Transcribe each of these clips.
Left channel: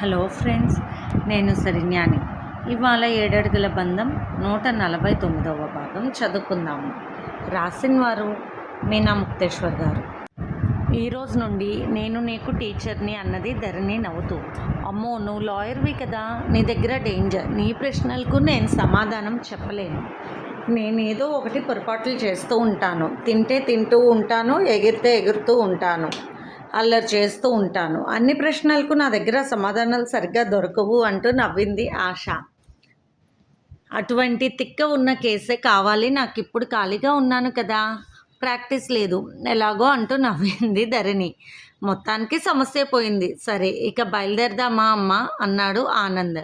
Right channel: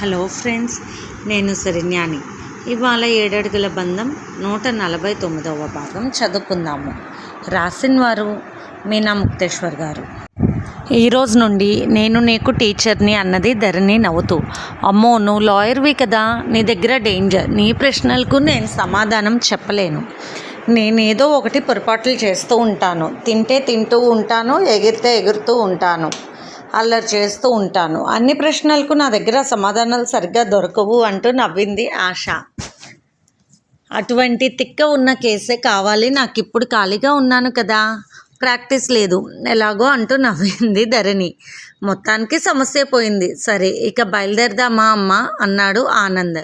Hello friends, నేను శరణ్యాని. ఇవాళ ఏడడుగుల బంధం 149వ భాగం చదువుకుందాము. రాసిన వారు మీనా ముక్తేశ్వర్ గారు. ఈరోజు నుండి నేను నీకు టీచర్ని అన్నది ధరణి నవ్వుతూ. అమ్మో, నువ్వు లాయర్వి కదా, నీ దగ్గర డేంజర్. నీ ప్రశ్నలకు నేను సమాధానం చెప్పలేను. నేనేదో ఒకటి పొరపాట్లు చేస్తూ ఉంటాను. తింటే తింటూ ఉంటాను, ఎగిరితే ఎగురుతూ ఉంటాను, అల్లరి చేస్తూ ఉంటాను. అన్ని ప్రశ్నలకు నా దగ్గర సమాధానాలు సరిగ్గా దొరకవు అంటూ నవ్వింది ఆశ. అటువంటి తిక్క ఉన్న కేసే కావాలి నాకు. ఇప్పుడు ఖాళీగా ఉన్నాను కదా, ప్రాక్టీస్ లేదు ఎలాగో అంటూ నవ్వింది ధరణి. మొత్తానికి సమస్య పోయింది. సరే, ఇక బయలుదేరదామా అమ్మా అన్నాడు ఆనంద్.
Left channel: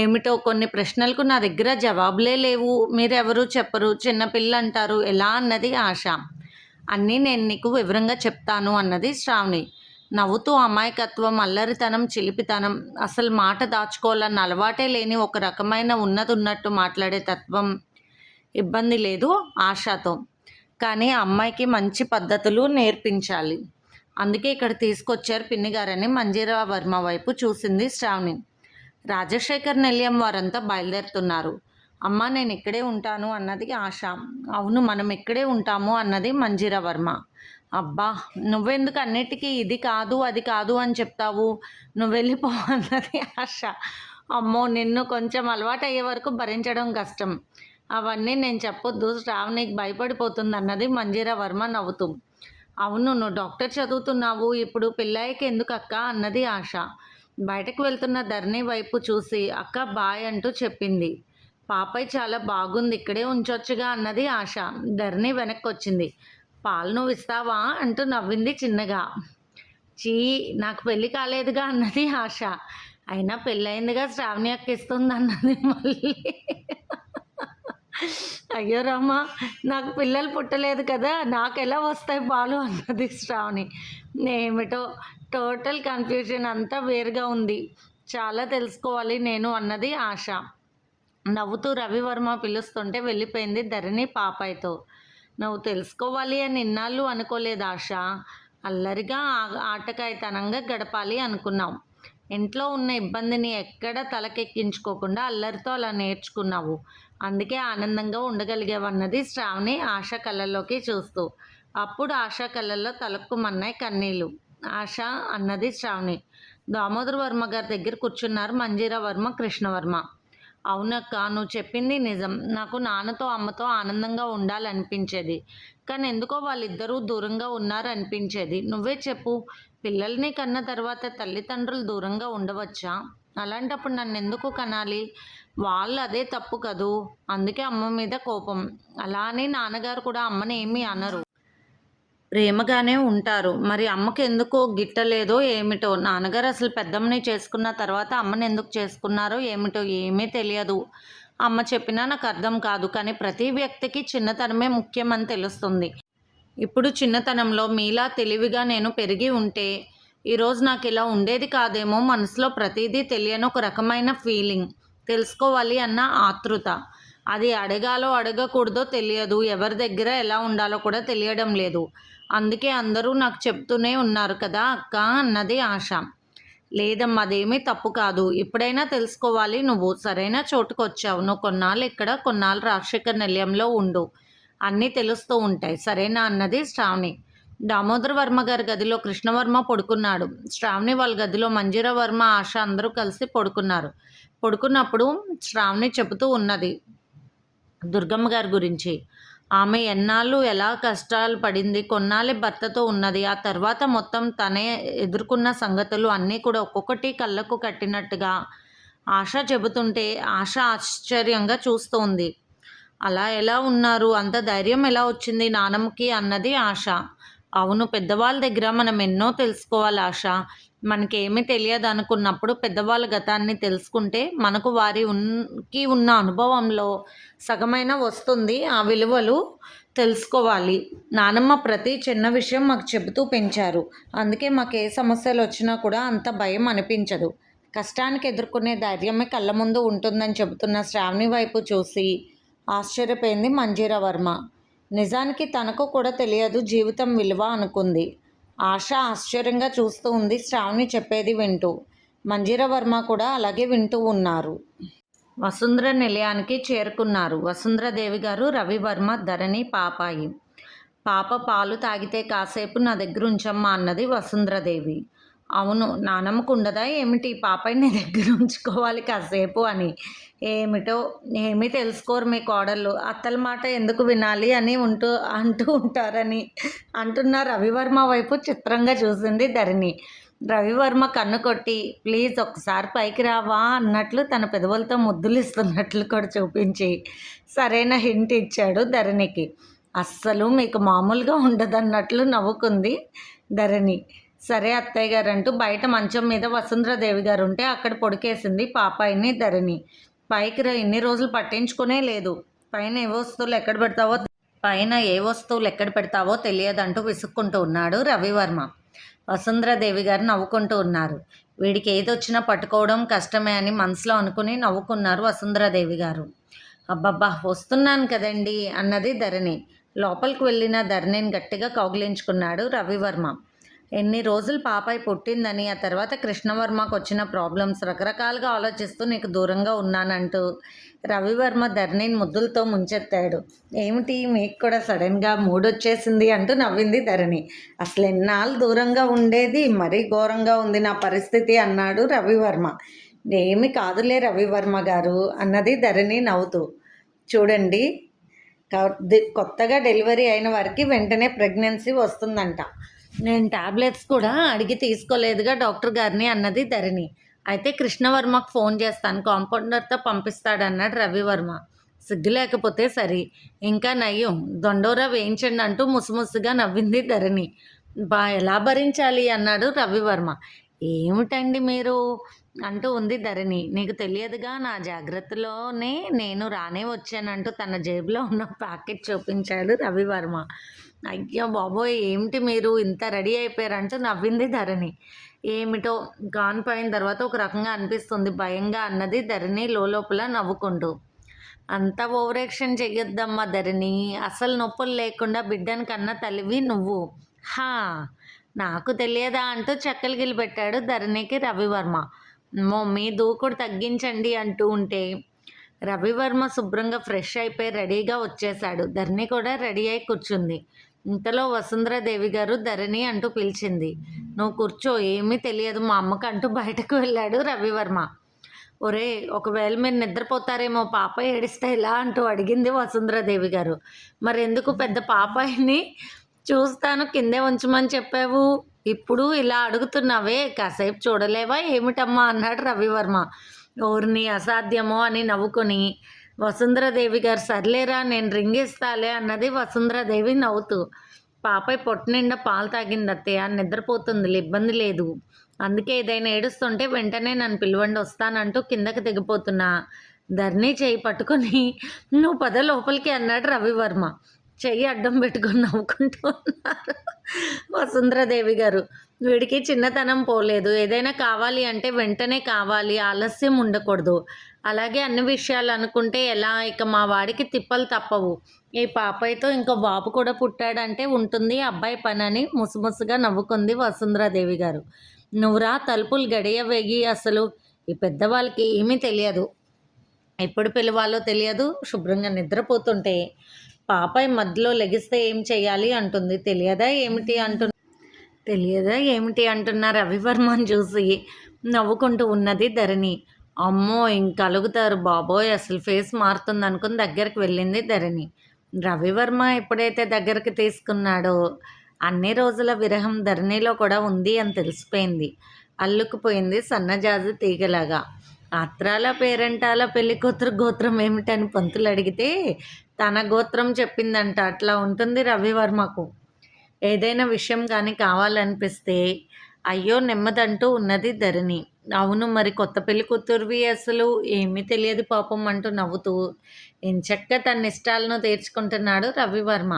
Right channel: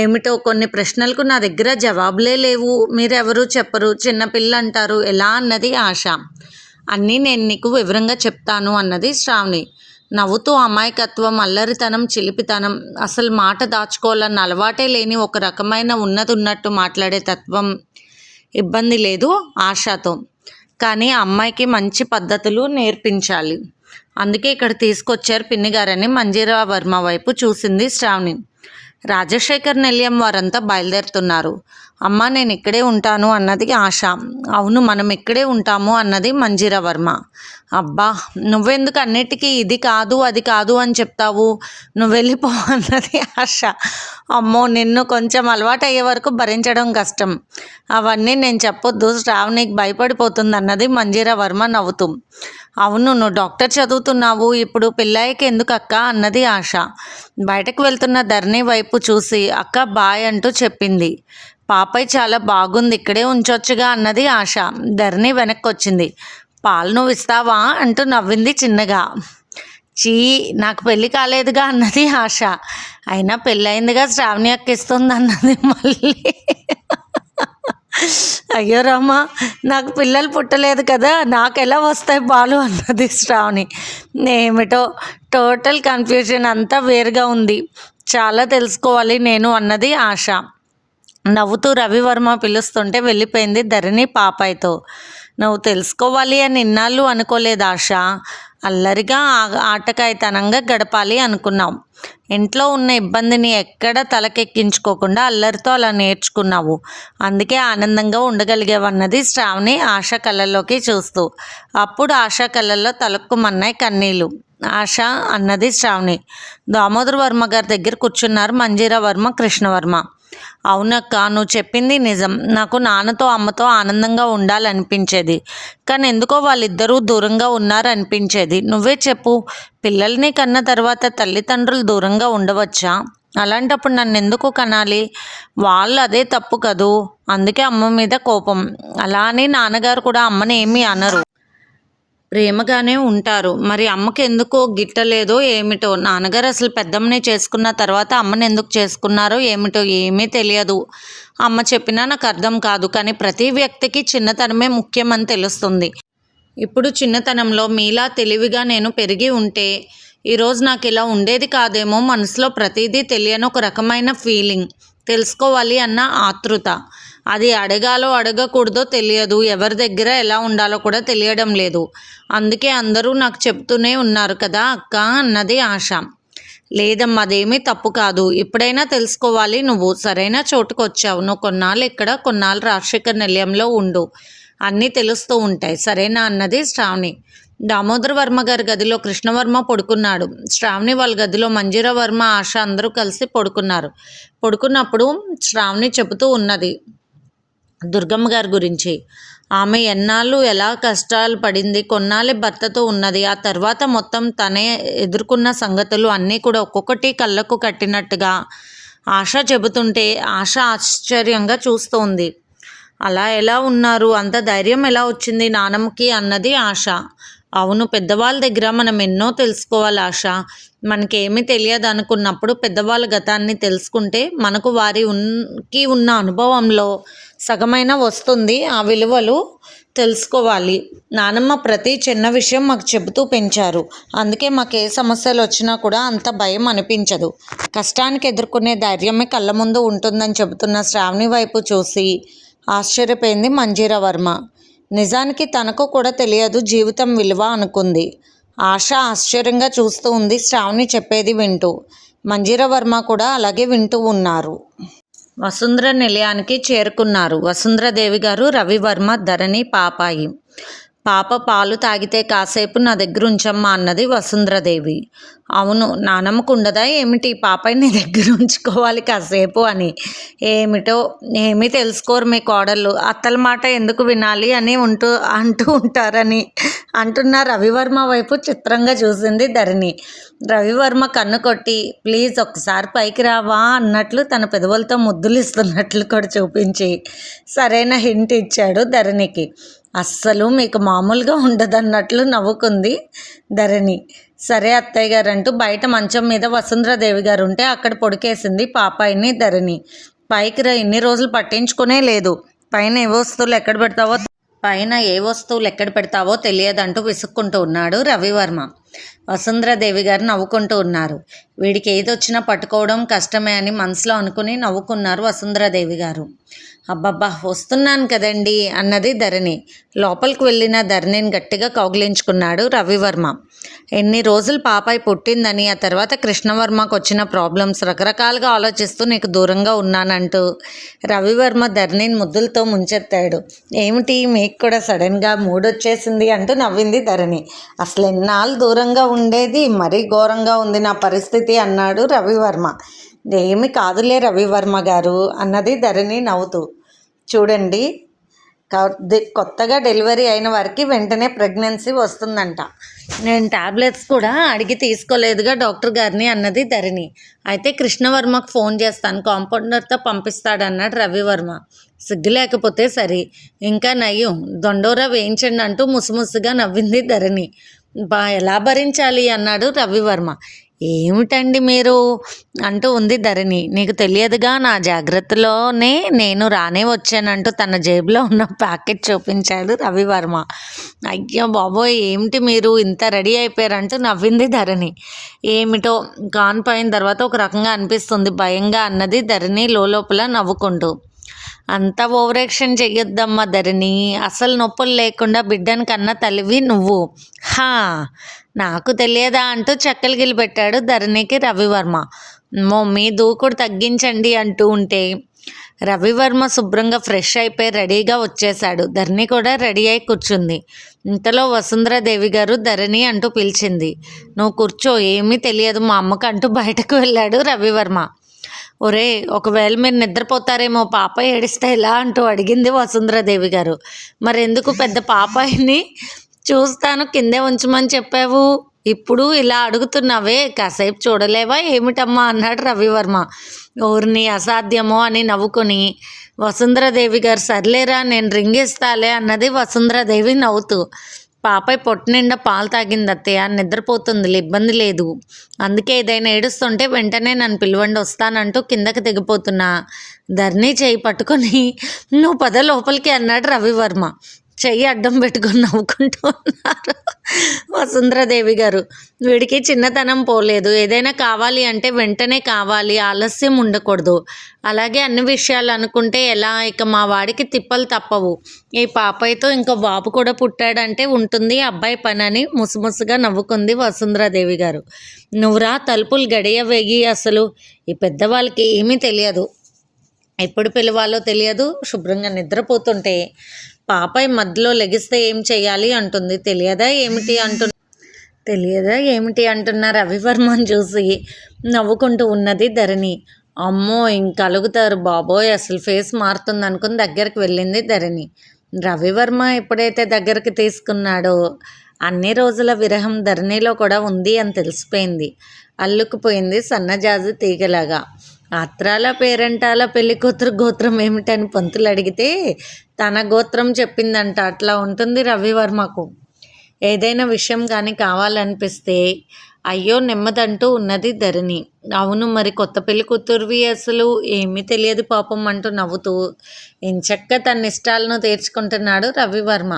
ఏమిటో, కొన్ని ప్రశ్నలకు నా దగ్గర జవాబులే లేవు. మీరెవరూ చెప్పరు, చిన్నపిల్ల అంటారు ఎలా అన్నది ఆశ. అన్నీ నేను నీకు వివరంగా చెప్తాను అన్నది శ్రావణి నవ్వుతూ. అమాయకత్వం, అల్లరితనం, చిలిపితనం, అసలు మాట దాచుకోవాలన్న అలవాటే లేని ఒక రకమైన ఉన్నట్టు మాట్లాడే తత్వం. ఇబ్బంది లేదు ఆశతో, కానీ అమ్మాయికి మంచి పద్ధతులు నేర్పించాలి. అందుకే ఇక్కడ తీసుకొచ్చారు పిన్నిగారని మంజీరా వర్మ వైపు చూసింది శ్రావణి. రాజశేఖర్, నిలయం వారంతా బయలుదేరుతున్నారు. అమ్మ, నేను ఇక్కడే ఉంటాను అన్నది ఆశ. అవును, మనం ఇక్కడే ఉంటాము అన్నది మంజీరా వర్మ. అబ్బా, నువ్వెందుకు అన్నిటికీ ఇది కాదు అది కాదు అని చెప్తావు, నువ్వు వెళ్ళిపో అన్నది ఆశ. అమ్మో, నిన్ను కొంచెం అలవాటు అయ్యే వరకు భరించడం కష్టం. అవన్నీ నేను చెప్పొద్దు, శ్రావణికి భయపడిపోతుంది అన్నది మంజీరా వర్మ నవ్వుతూ. అవును, నువ్వు డాక్టర్ చదువుతున్నావు, ఇప్పుడు పిల్లాయికి ఎందుకు అక్క అన్నది ఆశ. బయటకు వెళ్తున్న ధరణి వైపు చూసి అక్క బాయ్ అంటూ చెప్పింది. పాపయ్య చాలా బాగుంది, ఇక్కడే ఉంచొచ్చుగా అన్నది ఆశ. ధరణి వెనక్కి వచ్చింది. పాలు నువ్వు ఇస్తావా అంటూ నవ్వింది చిన్నగా. చీ, నాకు పెళ్ళి కాలేదుగా అన్నది ఆశ. అయినా పెళ్ళయిందిగా, శ్రావణి అక్క ఇస్తుంది అన్నది మళ్ళీ. అయ్యో రామా, నాకు పిల్లలు పుట్టలేదు కదా, నాకు ఎలా వస్తాయి పాలు అన్నది శ్రావణి. ఏమిటో, టోటల్ కన్ఫ్యూజన్ అంతా వేరుగా ఉంది. చాలా తెలుసుకోవాలి నేను అన్నది ఆశ. నవ్వుతూ రవివర్మ పిలుస్తుంటే వెళ్ళిపోయింది ధరణి పాపాయితో. నువ్వు తెలుసుకోవాలి అని ఇన్నాళ్ళు అనుకోలేదు ఆశ. అల్లరిగా ఆటకాయితనంగా గడపాలి అనుకున్నావు. ఇంట్లో ఉన్న ఇబ్బందిని ఎక్కడ తలకెక్కించుకోకుండా అల్లరితో అలా నేర్చుకున్నావు. అందుకే ఆనందంగా ఉండగలిగేవన్నది శ్రావణి ఆశ కళ్ళల్లోకి చూస్తూ. అప్పుడు ఆశ కళ్ళల్లో తలక్కుమన్నాయి కన్నీళ్ళు. ఆశ అన్నది శ్రావణి. దామోదర్ వర్మ గారి దగ్గర కూర్చున్నారు మంజీరా వర్మ, కృష్ణవర్మ. అవునక్క, నువ్వు చెప్పింది నిజం. నాకు నాన్నతో అమ్మతో ఆనందంగా ఉండాలనిపించేది, కానీ ఎందుకో వాళ్ళిద్దరూ దూరంగా ఉన్నారనిపించేది. నువ్వే చెప్పు, పిల్లల్ని కన్న తర్వాత తల్లిదండ్రులు దూరంగా ఉండవచ్చా? అలాంటప్పుడు నన్ను ఎందుకు కనాలి? వాళ్ళు అదే తప్పు కదూ. అందుకే అమ్మ మీద కోపం. అలా అని నాన్నగారు కూడా అమ్మని ఏమీ అనరు, ప్రేమగానే ఉంటారు. మరి అమ్మకి ఎందుకో గిట్టలేదో ఏమిటో. నాన్నగారు అసలు పెద్దమ్మని చేసుకున్న తర్వాత అమ్మని ఎందుకు చేసుకున్నారో ఏమిటో ఏమీ తెలియదు. అమ్మ చెప్పినా నాకు అర్థం కాదు. కానీ ప్రతి వ్యక్తికి చిన్నతనమే ముఖ్యమని తెలుస్తుంది. ఇప్పుడు చిన్నతనంలో మీలా తెలివిగా నేను పెరిగి ఉంటే ఈరోజు నాకు ఇలా ఉండేది కాదేమో. మనసులో ప్రతిదీ తెలియని ఒక రకమైన ఫీలింగ్, తెలుసుకోవాలి అన్న ఆతృత. అది అడగాలో అడగకూడదో తెలియదు, ఎవరి దగ్గర ఎలా ఉండాలో కూడా తెలియడం లేదు. అందుకే అందరూ నాకు చెప్తూనే ఉన్నారు కదా అక్క అన్నది ఆశ. లేదమ్మా, అదేమీ తప్పు కాదు. ఇప్పుడైనా తెలుసుకోవాలి. నువ్వు సరైన చోటుకు వచ్చావు. నువ్వు కొన్నాళ్ళు ఇక్కడ, కొన్నాళ్ళు రాజశేఖర్ నిలయంలో ఉండు, అన్నీ తెలుస్తూ ఉంటాయి, సరేనా అన్నది శ్రావణి. దామోదర్ వర్మ గారి గదిలో కృష్ణవర్మ పడుకున్నాడు. శ్రావణి వాళ్ళ గదిలో మంజీరా వర్మ, ఆశ అందరూ కలిసి పడుకున్నారు. పడుకున్నప్పుడు శ్రావణి చెబుతూ ఉన్నది దుర్గమ్మ గారి గురించి. ఆమె ఎన్నాళ్ళు ఎలా కష్టాలు పడింది, కొన్నాళ్ళే భర్తతో ఉన్నది, ఆ తర్వాత మొత్తం తనే ఎదుర్కొన్న సంగతులు అన్నీ కూడా ఒక్కొక్కటి కళ్ళకు కట్టినట్టుగా ఆశ చెబుతుంటే ఆశ ఆశ్చర్యంగా చూస్తోంది. అలా ఎలా ఉన్నారు, అంత ధైర్యం ఎలా వచ్చింది నానమ్మకి అన్నది ఆశ. అవును, పెద్దవాళ్ళ దగ్గర మనం ఎన్నో తెలుసుకోవాలి ఆశ. మనకేమీ తెలియదు అనుకున్నప్పుడు పెద్దవాళ్ళ గతాన్ని తెలుసుకుంటే మనకు వారికి ఉన్న అనుభవంలో సగమైన వస్తుంది. ఆ విలువలు తెలుసుకోవాలి. నానమ్మ ప్రతి చిన్న విషయం మాకు చెబుతూ పెంచారు. అందుకే మాకు ఏ సమస్యలు వచ్చినా కూడా అంత భయం అనిపించదు. కష్టానికి ఎదుర్కొనే ధైర్యమే కళ్ళ ముందు ఉంటుందని చెబుతున్న శ్రావణి వైపు చూసి ఆశ్చర్యపోయింది మంజీరా వర్మ. నిజానికి తనకు కూడా తెలియదు జీవితం విలువ అనుకుంది. ఆశ ఆశ్చర్యంగా చూస్తూ ఉంది శ్రావణి చెప్పేది వింటూ. మంజీరా వర్మ కూడా అలాగే వింటూ ఉన్నారు. వసుంధర నిలయానికి చేరుకున్నారు వసుంధరాదేవి గారు, రవివర్మ, ధరణి, పాపాయి. పాప పాలు తాగితే కాసేపు నా దగ్గర ఉంచమ్మా అన్నది వసుంధరాదేవి. అవును, నానమ్మకు ఉండదా ఏమిటి పాపాయి నీ దగ్గర ఉంచుకోవాలి కాసేపు అని. ఏమిటో ఏమీ తెలుసుకోరు మీ కోడళ్ళు, అత్తల మాట ఎందుకు వినాలి అని అంటూ ఉంటారని అంటున్న రవివర్మ వైపు చిత్రంగా చూసింది ధరణి. రవివర్మ కన్ను కొట్టి ప్లీజ్ ఒక్కసారి పైకి రావా అన్నట్లు తన పెదవులతో ముద్దులు ఇస్తున్నట్లు కూడా చూపించి సరైన హింట్ ఇచ్చాడు ధరణికి. అస్సలు మీకు మామూలుగా ఉండదన్నట్లు నవ్వుకుంది ధరణి. సరే అత్తయ్య గారు అంటూ బయట మంచం మీద వసుంధరాదేవి గారు ఉంటే అక్కడ పొడికేసింది పాపాయిని ధరణి. పైకి రా, ఇన్ని రోజులు పట్టించుకునే లేదు, పైన ఏ వస్తువులు ఎక్కడ పెడతావో తెలియదంటూ విసుక్కుంటూ ఉన్నాడు రవివర్మ. వసుంధరాదేవి గారు నవ్వుకుంటూ ఉన్నారు. వీడికి ఏదొచ్చినా పట్టుకోవడం కష్టమే అని మనసులో అనుకుని నవ్వుకున్నారు వసుంధరాదేవి గారు. అబ్బబ్బా వస్తున్నాను కదండి అన్నది ధరణి. లోపలికి వెళ్ళిన ధరణిని గట్టిగా కౌగిలించుకున్నాడు రవివర్మ. ఎన్ని రోజులు పాపాయి పుట్టిందని, ఆ తర్వాత కృష్ణవర్మకు వచ్చిన ప్రాబ్లమ్స్ రకరకాలుగా ఆలోచిస్తూ నీకు దూరంగా ఉన్నానంటూ రవివర్మ ధరణిని ముద్దులతో ముంచెత్తాడు. ఏమిటి మీకు కూడా సడన్గా మూడొచ్చేసింది అంటూ నవ్వింది ధరణి. అసలు ఎన్నాళ్ళు దూరంగా ఉండేది, మరీ ఘోరంగా ఉంది నా పరిస్థితి అన్నాడు రవివర్మ. ఏమి కాదులే రవివర్మ గారు అన్నది ధరణి నవ్వుతూ. చూడండి, కొత్తగా డెలివరీ అయిన వారికి వెంటనే ప్రెగ్నెన్సీ వస్తుందంట. నేను టాబ్లెట్స్ కూడా అడిగి తీసుకోలేదుగా డాక్టర్ గారిని అన్నది ధరణి. అయితే కృష్ణవర్మకు ఫోన్ చేస్తాను, కాంపౌండర్తో పంపిస్తాడన్నాడు రవివర్మ. సిగ్గు లేకపోతే సరి, ఇంకా నయ్యం దొండోరా వేయించండి అంటూ ముసుముసుగా నవ్వింది ధరణి. ఎలా భరించాలి అన్నాడు రవివర్మ. ఏమిటండి మీరు అంటూ ఉంది ధరణి. నీకు తెలియదుగా, నా జాగ్రత్తలోనే నేను రానే వచ్చానంటూ తన జేబులో ఉన్న ప్యాకెట్ చూపించాడు రవివర్మ. అయ్యో బాబోయ్ ఏమిటి మీరు ఇంత రెడీ అయిపోయారంటూ నవ్వింది ధరణి. ఏమిటో కాన్పోయిన తర్వాత ఒక రకంగా అనిపిస్తుంది భయంగా అన్నది ధరణి లోపల నవ్వుకుంటూ. అంత ఓవరాక్షన్ చెయ్యొద్దమ్మా ధరణి, అసలు నొప్పులు లేకుండా బిడ్డను కన్న తల్లివి నువ్వు. హా నాకు తెలియదా అంటూ చెక్కలు గిలిపెట్టాడు ధరణికి రవివర్మ. మీ దూకుడు తగ్గించండి అంటూ ఉంటే రవివర్మ శుభ్రంగా ఫ్రెష్ అయిపోయి రెడీగా వచ్చేశాడు. ధరణి కూడా రెడీ అయి కూర్చుంది. ఇంతలో వసుంధరాదేవి గారు ధరణి అంటూ పిలిచింది. నువ్వు కూర్చో, ఏమీ తెలియదు మా అమ్మకు అంటూ బయటకు వెళ్ళాడు రవివర్మ. ఒరే, ఒకవేళ మీరు నిద్రపోతారేమో, పాప ఏడిస్తే ఎలా అంటూ అడిగింది వసుంధరాదేవి గారు. మరెందుకు పెద్ద పాపాయిని చూస్తాను కిందే ఉంచమని చెప్పావు, ఇప్పుడు ఇలా అడుగుతున్నావే, కాసేపు చూడలేవా ఏమిటమ్మా అన్నాడు రవివర్మ. ఊరిని అసాధ్యమో అని నవ్వుకొని వసుంధరాదేవి గారు సర్లేరా నేను రింగిస్తాలే అన్నది వసుంధరాదేవి నవ్వుతూ. పాపాయి పొట్ట నిండా పాలు తాగింది అత్తయ్య, నిద్రపోతుందిలే, ఇబ్బంది లేదు, అందుకే ఏదైనా ఏడుస్తుంటే వెంటనే నన్ను పిలవండి వస్తానంటూ కిందకి దిగిపోతున్నా ధరణి చేయి పట్టుకొని నువ్వు పద లోపలికి అన్నాడు రవివర్మ. చెయ్యి అడ్డం పెట్టుకొని నవ్వుకుంటూ ఉన్నారు వసుంధరాదేవి గారు. వీడికి చిన్నతనం పోలేదు, ఏదైనా కావాలి అంటే వెంటనే కావాలి, ఆలస్యం ఉండకూడదు. అలాగే అన్ని విషయాలు అనుకుంటే ఎలా, ఇక మా వాడికి తిప్పలు తప్పవు. ఈ పాపయ్యతో ఇంకో బాబు కూడా పుట్టాడంటే ఉంటుంది అబ్బాయి పని అని ముసుముసుగా నవ్వుకుంది వసుంధరాదేవి గారు. నువ్వురా తలుపులు గడియ వేగి, అసలు ఈ పెద్దవాళ్ళకి ఏమీ తెలియదు, ఎప్పుడు పిలవాలో తెలియదు, శుభ్రంగా నిద్రపోతుంటే పాపాయి మధ్యలో లెగిస్తే ఏం చెయ్యాలి అంటుంది. తెలియదా ఏమిటి అంటున్న రవివర్మని చూసి నవ్వుకుంటూ ఉన్నది ధరణి. అమ్మో ఇంకలుగుతారు బాబోయ్, అసలు ఫేస్ మారుతుంది అనుకుని దగ్గరికి వెళ్ళింది ధరణి. రవివర్మ ఎప్పుడైతే దగ్గరికి తీసుకున్నాడో అన్ని రోజుల విరహం ధరణిలో కూడా ఉంది అని తెలిసిపోయింది. అల్లుకుపోయింది సన్నజాజి తీగలాగా. అత్రాల పేరంటాల పెళ్లి కూతురు గోత్రం ఏమిటని పంతులు అడిగితే తన గోత్రం చెప్పిందంట. అట్లా ఉంటుంది రవివర్మకు. ఏదైనా విషయం కానీ కావాలనిపిస్తే అయ్యో నెమ్మదంటూ ఉన్నది ధరణి. అవును మరి కొత్త పెళ్లి కూతురువి, అసలు ఏమీ తెలియదు పాపం అంటూ నవ్వుతూ ఎంచక్క తన ఇష్టాలను తీర్చుకుంటున్నాడు రవివర్మ.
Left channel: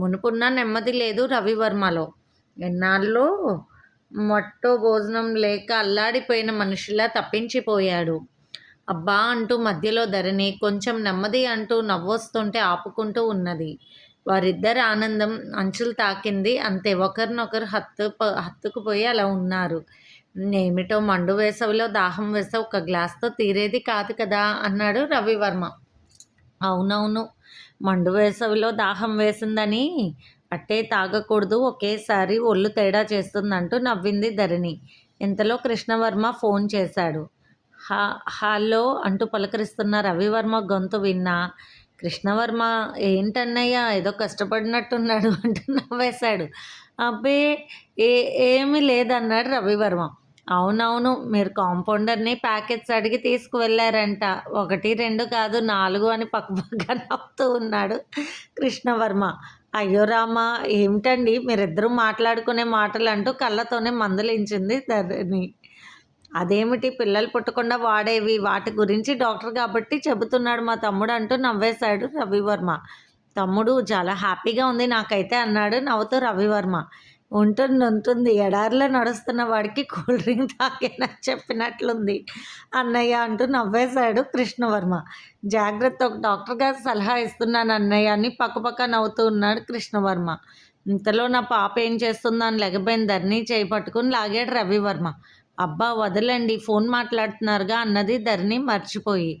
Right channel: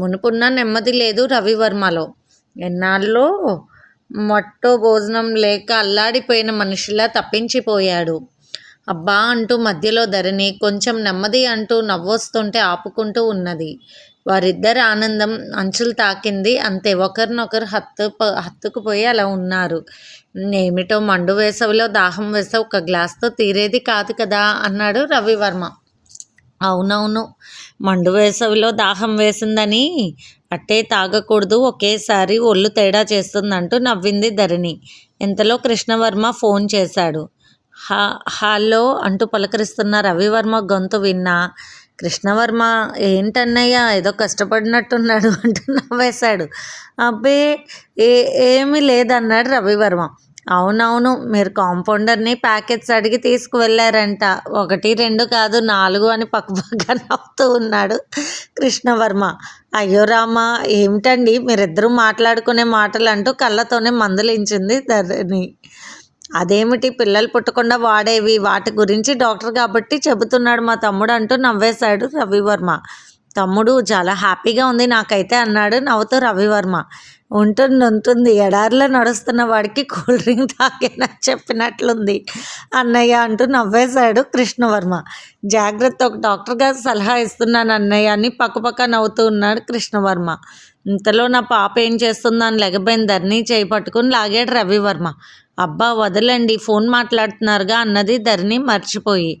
మునుపున్న నెమ్మది లేదు రవివర్మలో. ఎన్నాళ్ళలో మొట్టో భోజనం లేక అల్లాడిపోయిన మనిషిలా తప్పించిపోయాడు. అబ్బా అంటూ మధ్యలో ధరణి కొంచెం నెమ్మది అంటూ నవ్వొస్తుంటే ఆపుకుంటూ ఉన్నది. వారిద్దరి ఆనందం అంచులు తాకింది అంతే. ఒకరినొకరు హత్తుకుపోయి అలా ఉన్నారు. ఏమిటో మండు వేసవిలో దాహం వేస్తే ఒక గ్లాస్తో తీరేది కాదు కదా అన్నాడు రవివర్మ. అవునవును, మండు వేసవిలో దాహం వేసిందని అట్టే తాగకూడదు, ఒకేసారి ఒళ్ళు తేడా చేస్తుందంటూ నవ్వింది ధరణి. ఇంతలో కృష్ణవర్మ ఫోన్ చేశాడు. హలో అంటూ పలకరిస్తున్న రవివర్మ గొంతు విన్నా కృష్ణవర్మ ఏంటన్నయ్య ఏదో కష్టపడినట్టున్నాడు అంటూ నవ్వేశాడు. అబ్బే ఏ ఏమీ లేదన్నాడు రవివర్మ. అవునవును, మీరు కాంపౌండర్ని ప్యాకెట్స్ అడిగి తీసుకువెళ్ళారంట, 1 2 కాదు 4 అని పక్కపక్క నవ్వుతూ ఉన్నాడు కృష్ణవర్మ. అయ్యో రామా, ఏమిటండి మీరిద్దరూ మాట్లాడుకునే మాటలు అంటూ కళ్ళతోనే మందలించింది ధరణి. అదేమిటి పిల్లలు పుట్టకుండా వాడేవి, వాటి గురించి డాక్టర్ కాబట్టి చెబుతున్నాడు మా తమ్ముడు అంటూ నవ్వేశాడు రవివర్మ. తమ్ముడు చాలా హ్యాపీగా ఉంది నాకైతే అన్నాడు నవ్వుతూ రవివర్మ. ఉంటుంది, ఎడారిలో నడుస్తున్న వాడికి కూల్ డ్రింక్ తాగేనా చెప్పినట్లుంది అన్నయ్య అంటూ నవ్వేశాడు కృష్ణవర్మ. జాగ్రత్త, ఒక డాక్టర్ గారు సలహా ఇస్తున్నాను అన్నయ్య అని పక్కపక్క నవ్వుతూ ఉన్నాడు కృష్ణవర్మ. ఇంతలో నా పాప ఏం చేస్తుందని లెగబోయిన ధరణి చేయి పట్టుకుని లాగాడు రవివర్మ. అబ్బా వదలండి, ఫోన్ మాట్లాడుతున్నారుగా అన్నది ధరణి మర్చిపోయి.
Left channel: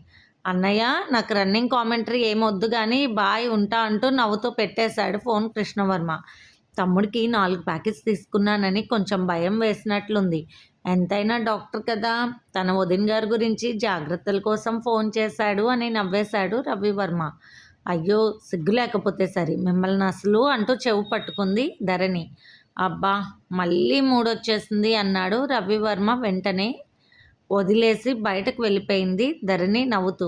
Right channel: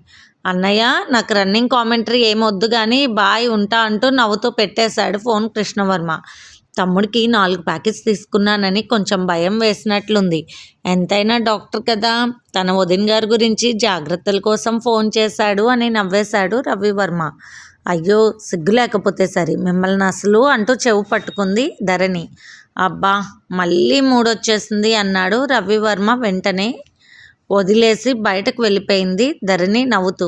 అన్నయ్య నాకు రన్నింగ్ కామెంటరీ ఏమొద్దు కానీ బాయ్ ఉంటా అంటూ నవ్వుతూ పెట్టేశాడు ఫోన్ కృష్ణవర్మ. తమ్ముడికి 4 ప్యాకెట్స్ తీసుకున్నానని కొంచెం భయం వేసినట్లుంది. ఎంతైనా డాక్టర్ కదా, తన వదిన గారి గురించి జాగ్రత్తల కోసం ఫోన్ చేశాడు అని నవ్వేశాడు రవివర్మ. అయ్యో సిగ్గు లేకపోతే సరి, మిమ్మల్ని అసలు అంటూ చెవు పట్టుకుంది ధరణి. అబ్బా మళ్ళీ మూడొచ్చేసింది అన్నాడు రవివర్మ. వెంటనే వదిలేసి బయటకు వెళ్ళిపోయింది ధరణి నవ్వుతూ.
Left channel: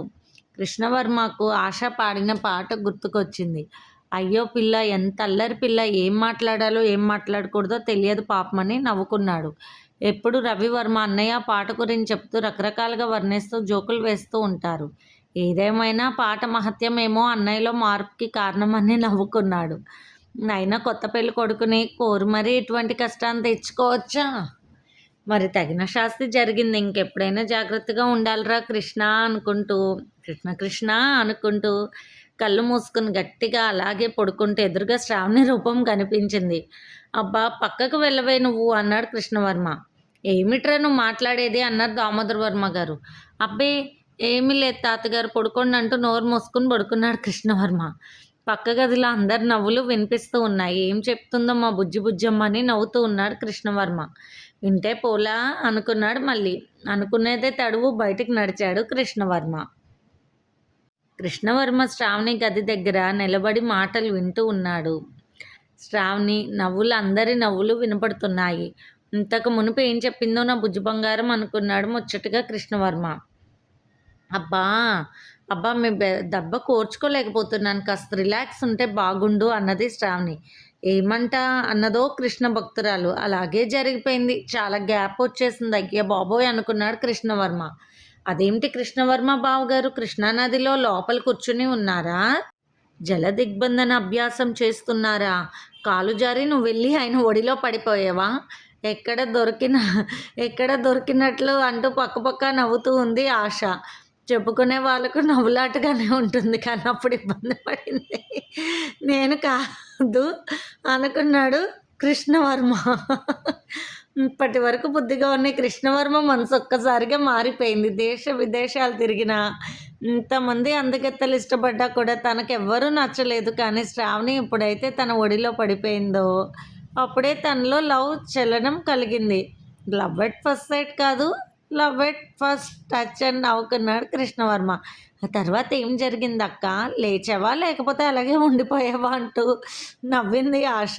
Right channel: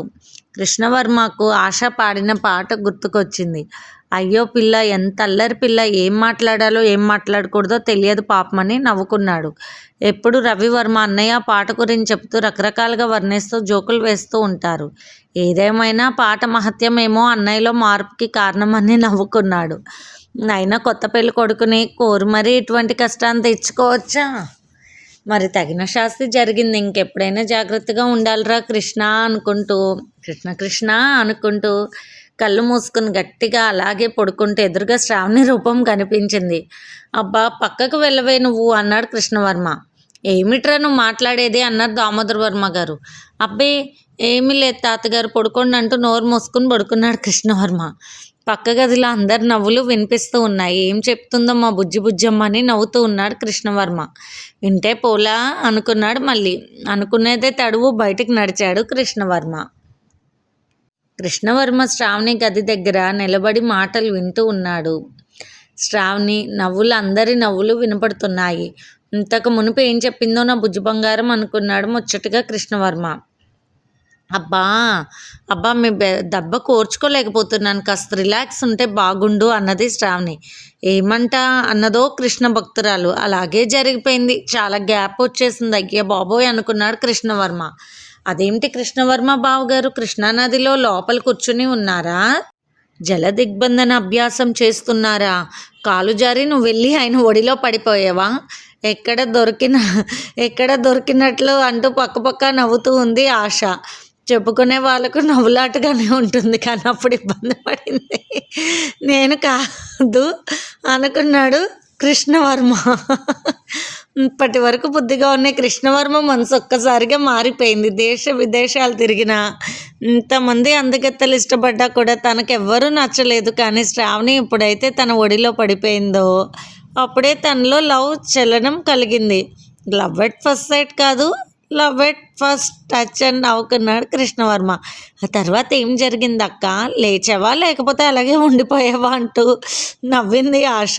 కృష్ణవర్మకు ఆశ పాడిన పాట గుర్తుకొచ్చింది. అయ్యో పిల్ల, ఎంత అల్లరి పిల్ల, ఏం మాట్లాడాలో ఏం మాట్లాడకూడదో తెలియదు పాపమని నవ్వుకున్నాడు. ఎప్పుడు రవివర్మ అన్నయ్య పాట గురించి చెప్తూ రకరకాలుగా వర్ణిస్తూ జోకులు వేస్తూ ఉంటారు. ఏదేమైనా పాట మహత్యమేమో అన్నయ్యలో మార్పుకి కారణమని నవ్వుకున్నాడు. అయినా కొత్త పెళ్లి కొడుకుని కోరి మరీ ఇటువంటి కష్టాన్ని తెచ్చుకోవచ్చా? మరి తగిన శాస్తి జరిగింది, ఇంకెప్పుడైనా జాగ్రత్తగా ఉండాలిరా కృష్ణ అనుకుంటూ కృష్ణ అనుకుంటూ కళ్ళు మూసుకుని గట్టిగా అలాగే పడుకుంటే ఎదురుగా శ్రావణి రూపం కనిపించింది. అబ్బా పక్కకు వెళ్ళవే నువ్వు అన్నాడు కృష్ణవర్మ. ఏమిట్రా నువ్వు మాట్లాడేది అన్నారు దామోదర్ వర్మ గారు. అబ్బే ఏమీ లేదు తాతగారు, పడుకోండి అంటూ నోరు మూసుకుని పడుకున్నాడు కృష్ణవర్మ. పక్క గదిలో అందరి నవ్వులు వినిపిస్తూ ఉన్నాయి. ఏం చెప్తుందో మా బుజ్జమ్మ అని నవ్వుతూ ఉన్నాడు కృష్ణవర్మ. వింటే పోలా అనుకున్నాడు. మళ్ళీ అనుకునేదే తడువు బయటికి నడిచాడు కృష్ణవర్మ. కృష్ణవర్మ శ్రావణి గది దగ్గర నిలబడి మాటలు వింటూ ఉన్నాడు. శ్రావణి నవ్వులు, అందరి నవ్వులు వినపడుతున్నాయి. ఇంతకు మునుపు ఏం చెప్పిందో నా బుజ్జి బంగారం అనుకున్నాడు ముచ్చటగా కృష్ణవర్మ. అబ్బా మీ దెబ్బ కోర్చుకోలేకపోతున్నాను, కాస్త రిలాక్స్ ఉంటే బాగుండు అన్నది శ్రావణి. ఏమంటా అన్నదో కృష్ణ భక్తురాలు. అలాగే జరిగిపోయింది, చాలా గ్యాప్ వచ్చేసింది అయ్యా బాబోయ్ అనుకున్నాడు కృష్ణవర్మ. అదేమిటి కృష్ణవర్మ బావగారు కృష్ణానదిలో లోపల కూర్చుని ఉన్నారా? జల దిగ్బంధన అభ్యాసం చేస్తున్నారా? కాలు జారి నువ్వు వెళ్ళి ఆయన ఒడిలో పడిపోయావా? ఎక్కడ దొరికినట్లు అంటూ పక్కపక్క నవ్వుతూ ఉంది ఆశ. చెప్పుకునే వాళ్ళకు నవ్వులాటగానే ఉంటుంది, కానీ అప్పుడు ఇబ్బంది పడింది నేను కాదు అనుకున్నాడు కృష్ణవర్మ. ఇప్పటి వరకు బుద్ధిగా ఉన్న కృష్ణవర్మ మనసు ఒక్కసారిగా మారిపోయింది. దేశ విదేశాలు తిరిగిన ఇంతమంది అందగత్తెలు ఇష్టపడ్డా కూడా తనకెవ్వరూ నచ్చలేదు. కానీ శ్రావణి ఇప్పుడైతే తన ఒడిలో పడిపోయిందో అప్పుడే తనలో లవ్ చలనం కలిగింది. లవ్ ఎట్ ఫస్ట్ సైట్ కాదు, లవ్ ఎట్ ఫస్ట్ టచ్ అని నవ్వుకున్నాడు కృష్ణవర్మ. ఆ తర్వాత ఏం జరిగింది అక్క, లేచావా లేకపోతే అలాగే ఉండిపోయావా అంటూ నవ్వింది ఆశ.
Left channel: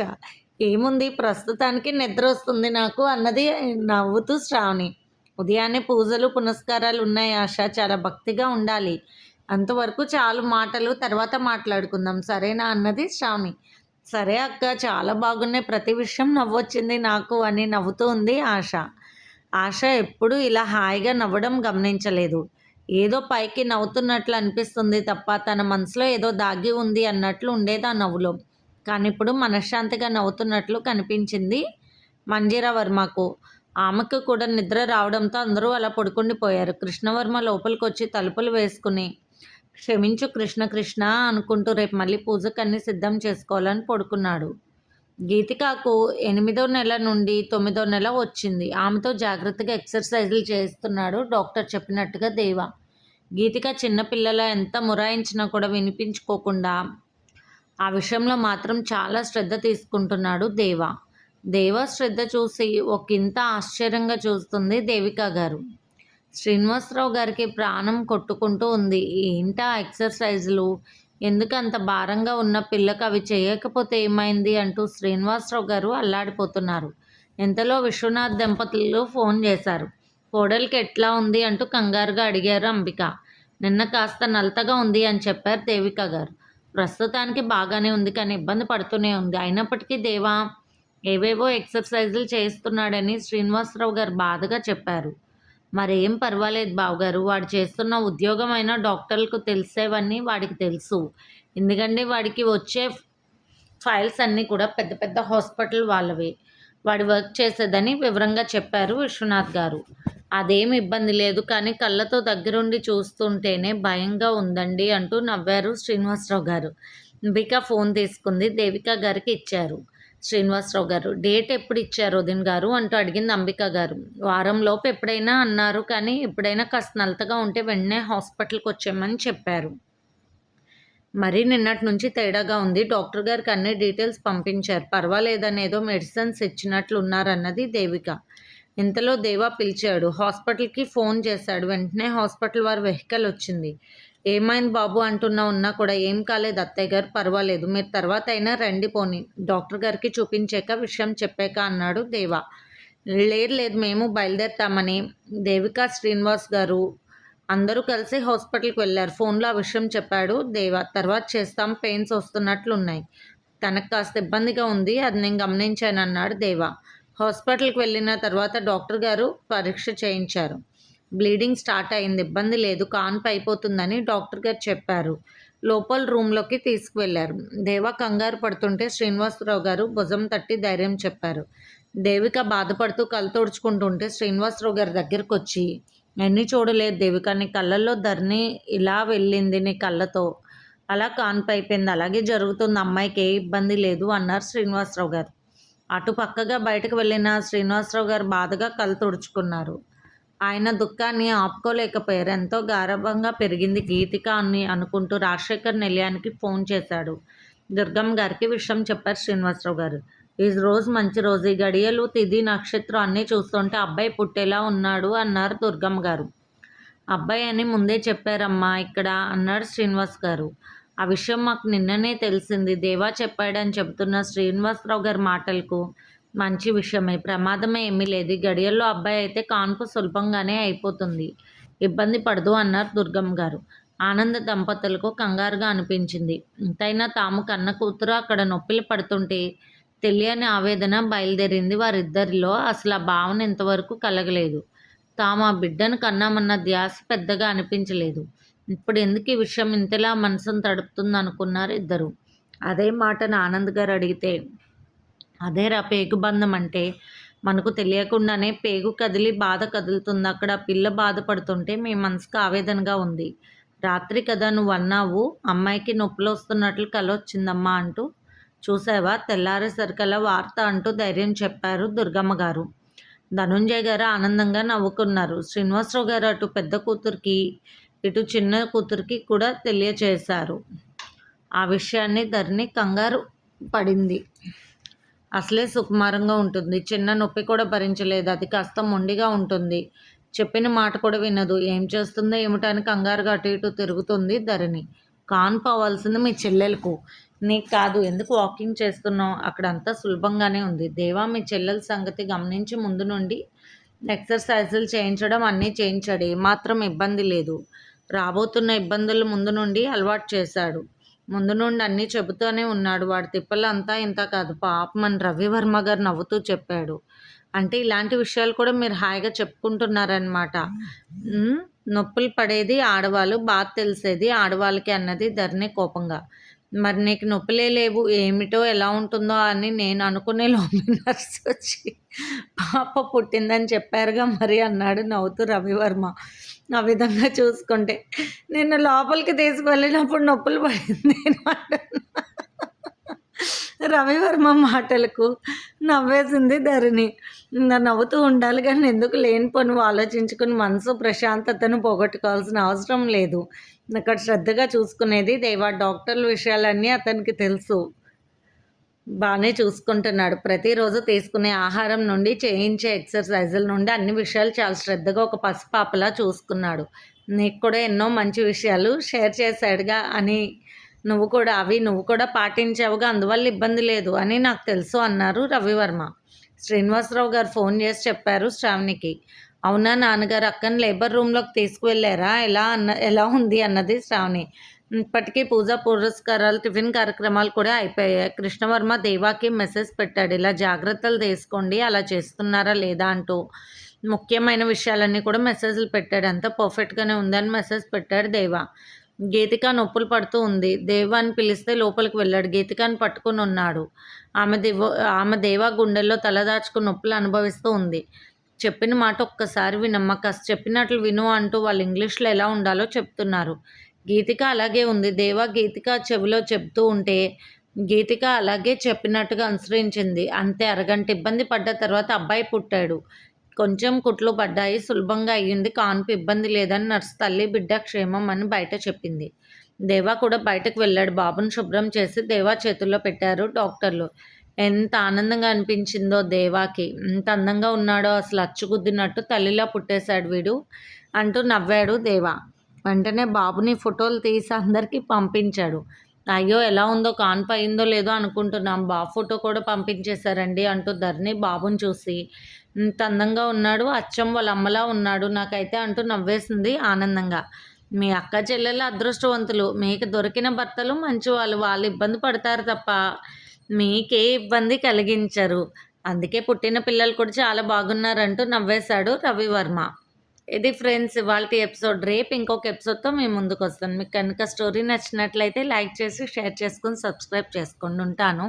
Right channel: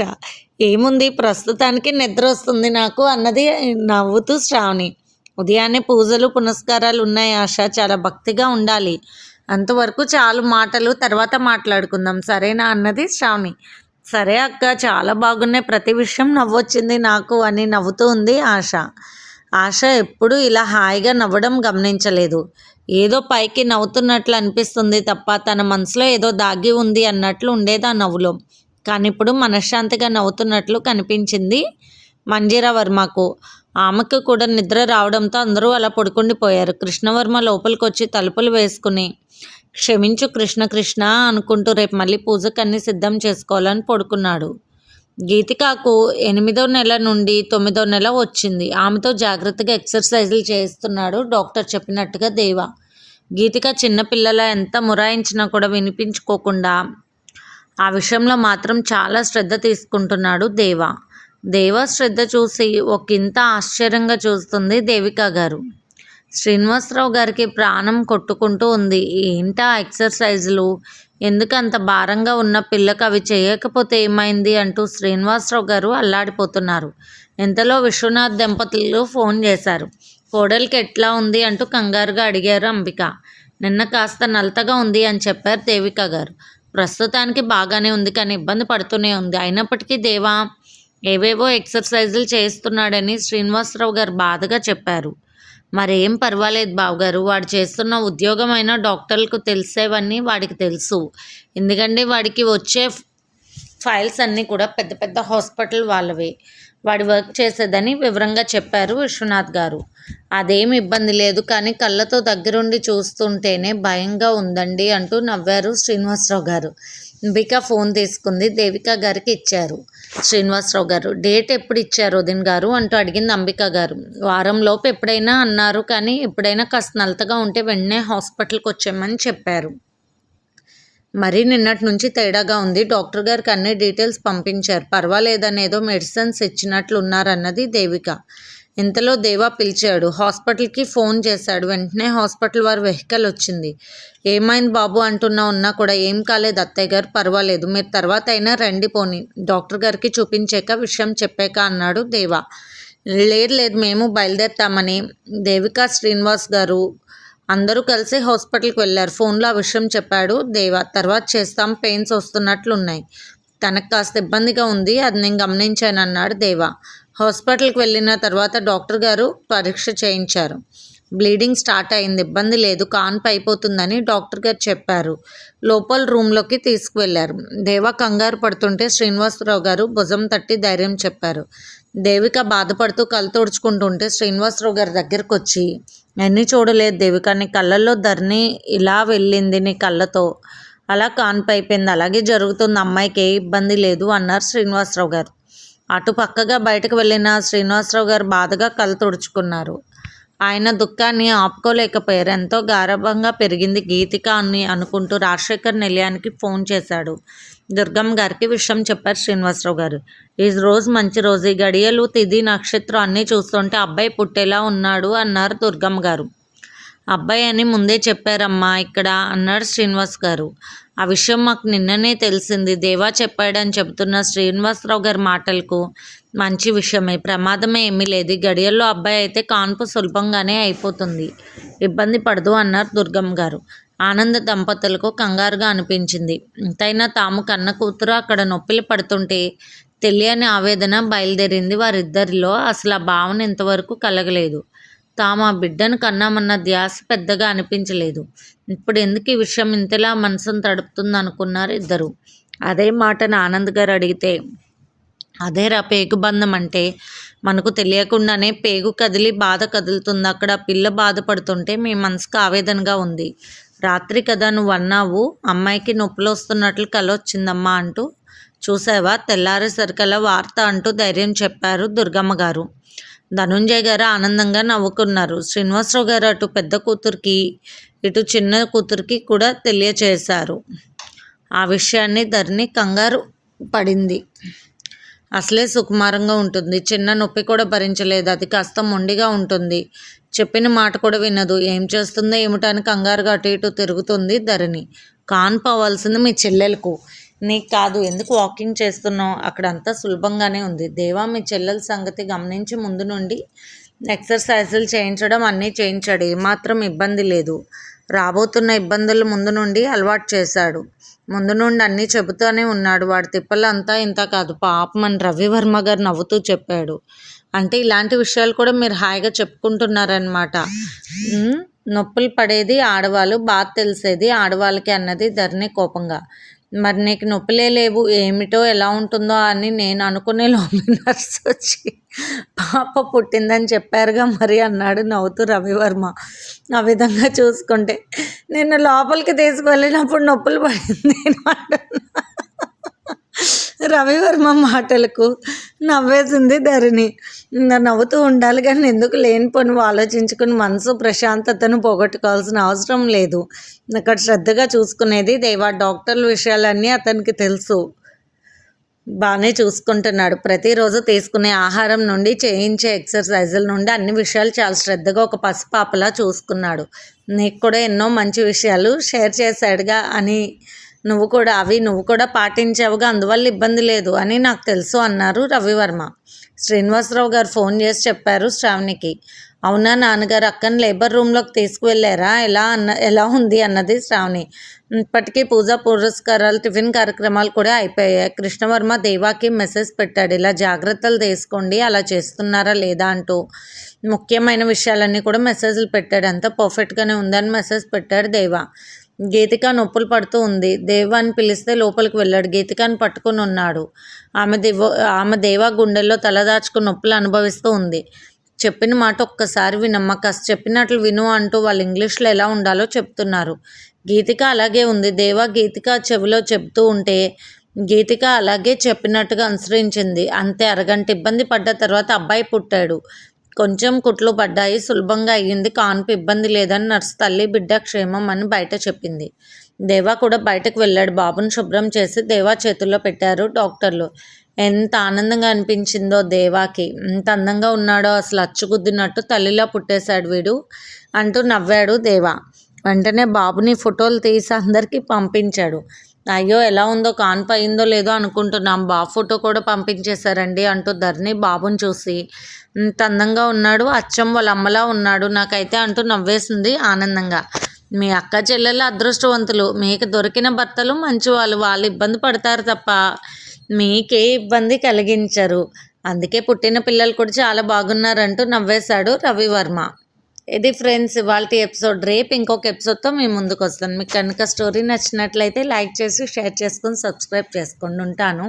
ఏముంది, ప్రస్తుతానికి నిద్ర వస్తుంది నాకు అన్నది నవ్వుతూ శ్రావణి. ఉదయాన్నే పూజలు పునస్కారాలు ఉన్నాయి ఆశ, చాలా భక్తిగా ఉండాలి. అంతవరకు చాలు మాటలు, తర్వాత మాట్లాడుకుందాం సరేనా అన్నది శ్రావణి. సరే అక్క, చాలా బాగున్నాయి, ప్రతి విషయం నవ్వొచ్చింది నాకు అని నవ్వుతూ ఉంది ఆశ. ఆశ ఎప్పుడూ ఇలా హాయిగా నవ్వడం గమనించలేదు. ఏదో పైకి నవ్వుతున్నట్లు అనిపిస్తుంది తప్ప తన మనసులో ఏదో దాగి ఉంది అన్నట్లు ఉండేది ఆ నవ్వులో. కానీ ఇప్పుడు మనశ్శాంతిగా నవ్వుతున్నట్లు కనిపించింది మంజీరా వర్మకు. ఆమెకు కూడా నిద్ర రావడంతో అందరూ అలా పడుకుండిపోయారు. కృష్ణవర్మ లోపలికి వచ్చి తలుపులు వేసుకుని క్షమించు కృష్ణ అనుకుంటూ రేపు మళ్ళీ పూజకు అన్నీ సిద్ధం చేసుకోవాలని పడుకున్నాడు. గీతికకు 8వ నెల నుండి 9వ నెల వచ్చింది. ఆమెతో జాగ్రత్తగా ఎక్సర్సైజులు చేయిస్తున్నాడు డాక్టర్ చెప్పినట్టుగా దేవ. గీతిక చిన్నపిల్లలా ఎంత మొరాయించినా కూడా వినిపించుకోకుండా ఆ విషయంలో మాత్రం చాలా శ్రద్ధ తీసుకుంటున్నాడు దేవ. దేవ శ్రద్ధ చూసి ఒకంత ఆశ్చర్యంగా చూస్తుంది దేవిక గారు. శ్రీనివాసరావు గారికి ప్రాణం కొట్టుకుంటూ ఉంది. ఏంటా ఎక్సర్సైజులు, ఎందుకు అంత భారంగా ఉన్న పిల్లకు అవి చేయకపోతే ఏమైంది అంటూ శ్రీనివాసరావు గారు అల్లాడిపోతున్నారు. ఇంతలో విశ్వనాథ్ దంపతులు ఫోన్ చేశారు. కోడలికి ఎట్లా ఉంది అంటూ కంగారుగా అడిగారు అంబిక. నిన్న కాస్త నలతగా ఉంది అని చెప్పారు దేవిక గారు. ప్రస్తుతానికి బాగానే ఉంది, కానీ ఇబ్బంది పడుతూనే ఉంది. అయినప్పటికీ దేవా ఏవేవో ఎక్సర్సైజులు చేస్తున్నాడని శ్రీనివాసరావు గారు బాధగా చెప్పారు. మరేం పర్వాలేదు బావగారు, వాడు చేస్తున్న ఉద్యోగం అయినా డాక్టర్లకు తెలిసేవన్నీ వాడికి తెలుసు. ఎందుకంటే వాడికి వచ్చే ఫైల్స్ అన్నీ కూడా పెద్ద పెద్ద హాస్పిటల్ వాళ్ళవే. వాడి వర్క్ చేసేదని వివరంగా చెప్పారు విశ్వనాథ్ గారు. అదేం ఇబ్బంది లేదు, కానీ కళ్ళతో దగ్గరుండి చూస్తుంటేనే భయంగా ఉందండి అంటూ నవ్వారు శ్రీనివాసరావు గారు. అంబిక ఫోన్ తీసుకుంది, దేవిక గారికి ఇచ్చారు. శ్రీనివాసరావు గారు, డేట్ ఎప్పుడు ఇచ్చారు వదిన గారు అంటూ అడిగింది అంబిక గారు. వారంలోపు ఎప్పుడైనా అన్నారు, కానీ ఎప్పుడైనా కాస్త నలతగా ఉంటే వెంటనే హాస్పిటల్కి వచ్చామని చెప్పారు. మరీ నిన్నటి నుంచి తేడాగా ఉంది. డాక్టర్ గారికి అన్ని డీటెయిల్స్ పంపించారు. పర్వాలేదని ఏదో మెడిసిన్స్ ఇచ్చినట్లున్నారన్నది దేవిక. ఇంతలో దేవా పిలిచాడు. హాస్పిటల్కి ఫోన్ చేశాడు. వెంటనే హాస్పిటల్ వారి వెహికల్ వచ్చింది. ఏమైంది బాబు అంటున్నా ఉన్నా కూడా ఏం కాలేదు అత్తయ్య గారు, పర్వాలేదు, మీరు తర్వాత అయినా రండి పోని డాక్టర్ గారికి చూపించాక విషయం చెప్పాక అన్నాడు దేవా. లేదు మేము బయలుదేరుతామని దేవిక శ్రీనివాస్ గారు అందరూ కలిసి హాస్పిటల్కి వెళ్ళారు. ఫోన్లో ఆ విషయం చెప్పాడు దేవా. తర్వాత చేస్తాం, పెయిన్స్ వస్తున్నట్లున్నాయి, తనకు కాస్త ఇబ్బందిగా ఉంది, అది నేను గమనించాను అన్నాడు దేవా. హాస్పిటల్కి వెళ్ళిన తర్వాత డాక్టర్ గారు పరీక్ష చేయించారు. బ్లీడింగ్ స్టార్ట్ అయింది, ఇబ్బంది లేదు, కాన్పు అయిపోతుందని డాక్టర్ గారు చెప్పారు. లోపల రూమ్లోకి తీసుకువెళ్ళారు. దేవా కంగారు పడుతుంటే శ్రీనివాసరావు గారు భుజం తట్టి ధైర్యం చెప్పారు. దేవిక బాధపడుతూ కళ్ళు తుడుచుకుంటుంటే శ్రీనివాసరావు గారి దగ్గరకు వచ్చి, ఎన్ని చూడలేదు దేవిక, నీ కళ్ళల్లో ధరణి ఇలా వెళ్ళింది, నీ కళ్ళతో అలా కాన్పు అయిపోయింది, అలాగే జరుగుతుంది, అమ్మాయికి ఏ ఇబ్బంది లేదు అన్నారు శ్రీనివాసరావు గారు. అటు పక్కగా బయటకు వెళ్ళిన శ్రీనివాసరావు గారు బాధగా కళ్ళు తుడుచుకున్నారు. ఆయన దుఃఖాన్ని ఆపుకోలేకపోయారు. ఎంతో గారాబంగా పెరిగింది గీతిక అని అనుకుంటూ రాజశేఖర్ నిలయానికి ఫోన్ చేశాడు. దుర్గమ్మ గారికి విషయం చెప్పారు శ్రీనివాసరావు గారు. ఈ రోజు మంచి రోజు, ఈ గడియలు తిథి నక్షత్రం అన్నీ చూస్తుంటే అబ్బాయి పుట్టేలా ఉన్నాడు అన్నారు దుర్గమ్మ గారు. అబ్బాయి అని ముందే చెప్పారమ్మా ఇక్కడ అన్నాడు శ్రీనివాస్ గారు. ఆ విషయం మాకు నిన్ననే తెలిసింది, దేవా చెప్పాడని చెబుతున్న శ్రీనివాసరావు గారి మాటలకు మంచి విషయమే, ప్రమాదమే ఏమీ లేదు, గడియల్లో అబ్బాయి అయితే కాన్పు సులభంగానే అయిపోతుంది, ఇబ్బంది పడదు అన్నారు దుర్గమ్మ గారు. ఆనంద దంపతులకు కంగారుగా అనిపించింది. ఎంతైనా తాము కన్న కూతురు అక్కడ నొప్పిలు పడుతుంటే తెలియని ఆవేదన బయలుదేరింది వారిద్దరిలో. అసలు ఆ భావన ఇంతవరకు కలగలేదు. తాము ఆ బిడ్డను కన్నామన్న ధ్యాస పెద్దగా అనిపించలేదు. ఇప్పుడు ఎందుకు ఈ విషయం ఇంతలా మనసును తడుపుతుంది అనుకున్నారు ఇద్దరు. అదే మాటను ఆనంద్ గారు అడిగితే, అదేరా పేగుబంధం అంటే, మనకు తెలియకుండానే పేగు కదిలి బాధ కదులుతుంది, అక్కడ పిల్ల బాధపడుతుంటే మీ మనసుకు ఆవేదనగా ఉంది. రాత్రి కదా నువ్వు అన్నావు అమ్మాయికి నొప్పులు వస్తున్నట్లు కల వచ్చిందమ్మా అంటూ, చూసావా తెల్లారేసరికల్లా వార్త అంటూ ధైర్యం చెప్పారు దుర్గమ్మ గారు. ధనుంజయ్ గారు ఆనందంగా నవ్వుకున్నారు. శ్రీనివాసరావు గారు అటు పెద్ద కూతురికి ఇటు చిన్న కూతురికి కూడా తెలియచేశారు. ఆ విషయాన్ని ధరణి కంగారు పడింది. అసలే సుకుమారంగా ఉంటుంది, చిన్న నొప్పి కూడా భరించలేదు, అది కాస్త మొండిగా ఉంటుంది, చెప్పిన మాట కూడా వినదు, ఏం చేస్తుందో ఏమిటని కంగారుగా అటు ఇటు తిరుగుతుంది ధరణి. కాన్పు అవ్వాల్సింది మీ చెల్లెలకు, నీకు కాదు, ఎందుకు వాకింగ్ చేస్తున్నావు, అక్కడ అంతా సులభంగానే ఉంది. దేవా మీ చెల్లెల సంగతి గమనించి ముందు నుండి ఎక్సర్సైజులు చేయించడం అన్నీ చేయించాడు, ఏమాత్రం ఇబ్బంది లేదు, రాబోతున్న ఇబ్బందులు ముందు నుండి అలవాటు చేశాడు, ముందు నుండి అన్నీ చెబుతూనే ఉన్నాడు, వాడి తిప్పలు అంతా ఇంత కాదు పాపం అని రవివర్మ గారు నవ్వుతూ చెప్పాడు. అంటే ఇలాంటి విషయాలు కూడా మీరు హాయిగా చెప్పుకుంటున్నారనమాట. నొప్పులు పడేది ఆడవాళ్ళు, బాధ తెలిసేది ఆడవాళ్ళకి అన్నది ధరణి కోపంగా. మరి నీకు నొప్పులే లేవు, ఏమిటో ఎలా ఉంటుందో అని నేను అనుకునే లోపల నర్సు వచ్చి పాప పుట్టిందని చెప్పారుగా మరి అన్నాడు నవ్వుతూ రవివర్మ. ఆ విధంగా చూసుకుంటే నిన్ను లోపలికి తీసుకువెళ్ళినప్పుడు నొప్పులు పడింది అంటున్నా. రవివర్మ మాటలకు నవ్వేసింది ధరణి. ఇంకా నవ్వుతూ ఉండాలి కానీ ఎందుకు లేనిపోనివి ఆలోచించుకుని మనసు ప్రశాంతతను పోగొట్టుకోవాల్సిన అవసరం లేదు. అక్కడ శ్రద్ధగా చూసుకునేది దేవా. డాక్టర్ల విషయాలన్నీ అతనికి తెలుసు. బాగానే చూసుకుంటున్నాడు. ప్రతిరోజు తీసుకునే ఆహారం నుండి చేయించే ఎక్సర్సైజుల నుండి అన్ని విషయాలు చాలా శ్రద్ధగా ఒక పసిపాపలా చూసుకున్నాడు. నీకు కూడా ఎన్నో మంచి విషయాలు షేర్ చేశాడుగా అని నువ్వు కూడా పాటించావుగా, అందువల్ల ఇబ్బంది లేదు అని నాకు తెలుసు అన్నారు రవివర్మ. శ్రీనివాసరావు గారు ఫోన్ చేసి చెప్పారు శ్రావణికి. అవునా నాన్నగారు, అక్కని లేబర్ రూమ్లోకి తీసుకువెళ్ళారా? ఎలా ఉంది అన్నది శ్రావణి. ఇప్పటికీ పూజా పురస్కారాలు టిఫిన్ కార్యక్రమాలు కూడా అయిపోయాయి. కృష్ణవర్మ దేవాకి మెసేజ్ పెట్టాడు, ఇలా జాగ్రత్తలు తీసుకోండి, అలా చేస్తున్నారా లేదా అంటూ ముఖ్యమైన విషయాలన్నీ కూడా మెసేజ్లు పెట్టాడు. అంతా పర్ఫెక్ట్గానే ఉందని మెసేజ్ పెట్టాడు దేవా. గీతిక నొప్పులు పడుతూ ఉంది. దేవాని పిలిస్తే లోపలికి వెళ్ళాడు. గీతికాని పట్టుకుని ఉన్నాడు. ఆమె దేవా గుండెల్లో తలదాచుకుని నొప్పులు అనుభవిస్తూ ఉంది. చెప్పిన మాట ఒక్కసారి వినమ్మ, కాస్త చెప్పినట్లు విను అంటూ వాళ్ళు ఇంగ్లీష్లో ఎలా ఉండాలో చెప్తున్నారు. గీతిక అలాగే ఉంది. దేవా గీతిక చెవిలో చెప్తూ ఉంటే గీతిక అలాగే చెప్పినట్టుగా అనుసరించింది. అంతే. అరగంట ఇబ్బంది పడ్డ తర్వాత అబ్బాయి పుట్టాడు. కొంచెం కుట్లు పడ్డాయి, సులభంగా అయ్యింది, కాన్పు ఇబ్బంది లేదని నర్సు తల్లి బిడ్డ క్షేమం అని బయట చెప్పింది. దేవా కూడా బయటకు వెళ్ళాడు. బాబుని శుభ్రం చేసి దేవా చేతుల్లో పెట్టారు డాక్టర్లు. ఎంత ఆనందంగా అనిపించిందో దేవాకి. ఎంత అందంగా ఉన్నాడో, అసలు అచ్చుగుద్దినట్టు తల్లిలా పుట్టేశాడు వీడు అంటూ నవ్వాడు దేవా. వెంటనే బాబుని ఫోటోలు తీసి అందరికీ పంపించాడు. అయ్యో ఎలా ఉందో, కాన్పు అయిందో లేదో అనుకుంటున్నాం, బాబు ఫోటో కూడా పంపించేశారండి అంటూ ధరణి బాబుని చూసి ఇంత అందంగా ఉన్నాడు, అచ్చం వాళ్ళ అమ్మలా ఉన్నాడు నాకైతే అంటూ నవ్వేసింది ఆనందంగా. మీ అక్క చెల్లెలు అదృష్టవంతులు, మీకు దొరికిన భర్తలు మంచివాళ్ళు, వాళ్ళు ఇబ్బంది పడతారు తప్ప మీకే ఇబ్బంది కలిగించరు, అందుకే పుట్టిన పిల్లలు కూడా చాలా బాగున్నారంటూ నవ్వేశాడు రవివర్మ. ఇది ఫ్రెండ్స్ ఇవాల్టి ఎపిసోడ్. రేపు ఇంకొక ఎపిసోడ్తో మీ ముందుకు వస్తాను. మీకు కనుక స్టోరీ నచ్చినట్లయితే లైక్ చేసి షేర్ చేసుకొని సబ్స్క్రైబ్ చేసుకోండి. ఉంటాను.